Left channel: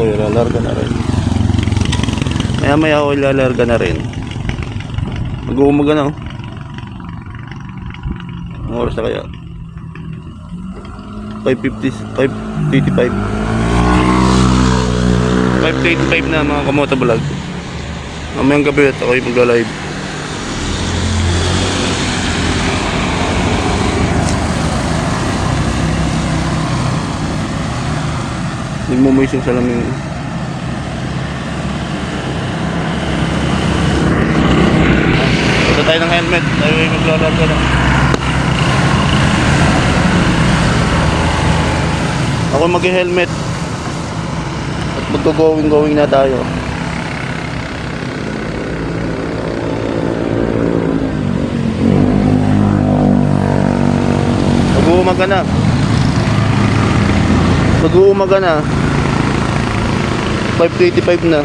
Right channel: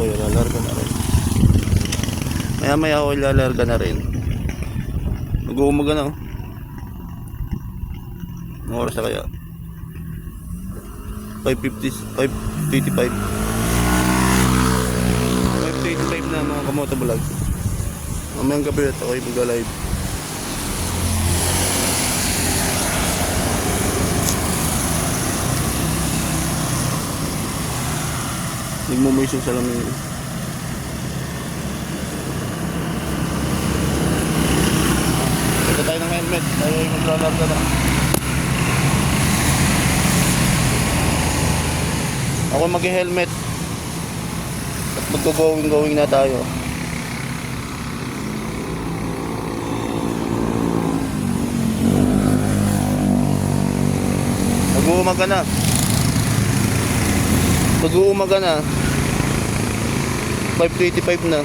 ako ilalarga na rin. Maya ako ilalarga na rin. Mag-uumaga na oh. Ang oras na kaya 5:50, 5:85 5:85 na mga kamotovlog. Mamayang gabi at ako'y magla-live. Nagmumoys yung salamin. Ito tayo ng helmet. Ay maglalarga na. Ako mag-helmet. At maggo-going na tayo. Mag-uumaga na. Mag-uumaga na. 5:85 na.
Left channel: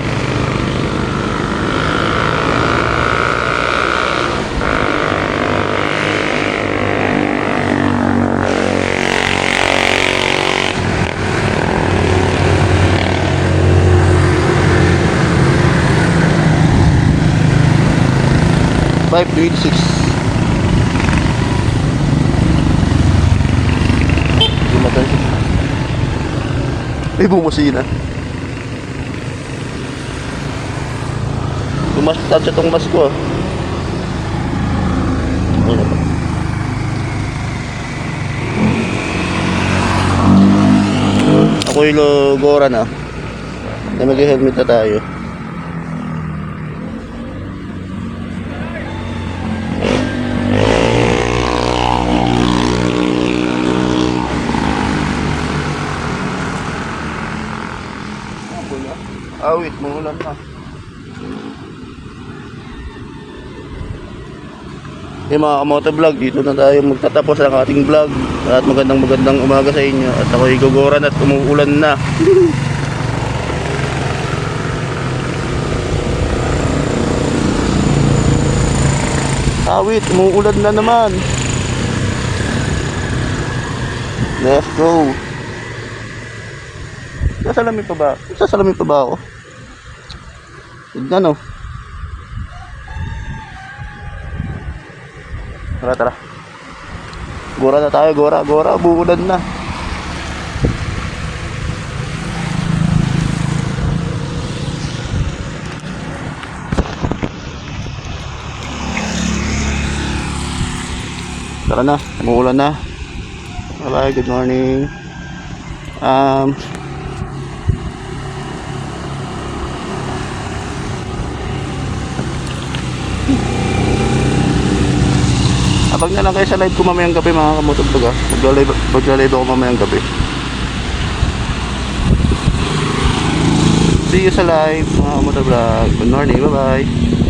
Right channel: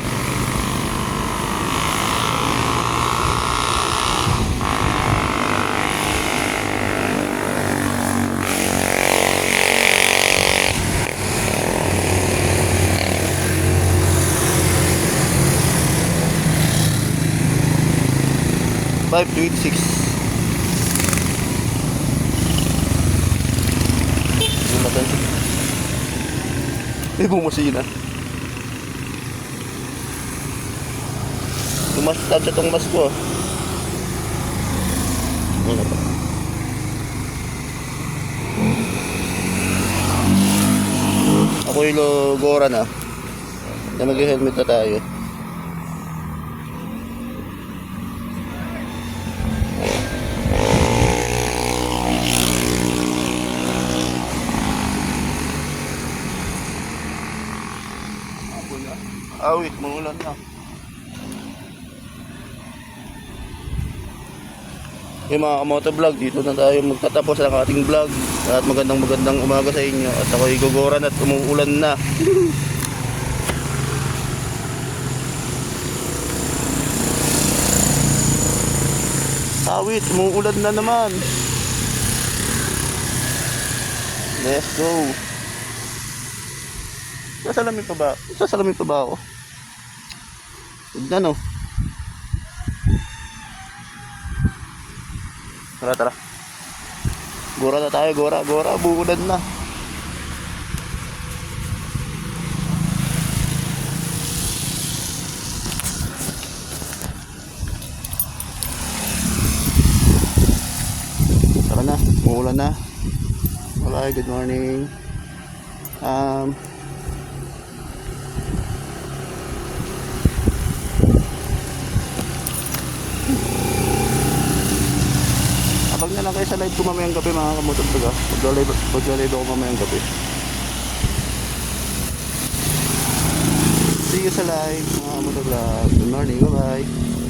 May bumusina. Lumastan sa itong mas ko. Ako'y logora na. Ay mag-helmet na tayo. Awit, maulan pa. Hey mga kamotovlog, dito na tayo magtatapos ang ating vlog. At magandang umaga sa inyo. At ako'y guguran at umuulan na. Awit, umuulan na naman. Let's go. Sasalamin pa ba? Sasalamin pa ba ako? Tignan oh. Tara. Gora na tayo, gora. Buulan na. Tara na, umuulan na. Bye, good morning. Abang na lang kayo sa live ko mamayang gabi mga kamotovlog. Magla-live ako mamayang gabi. See you sa live mga kamotovlog. Good morning, bye bye.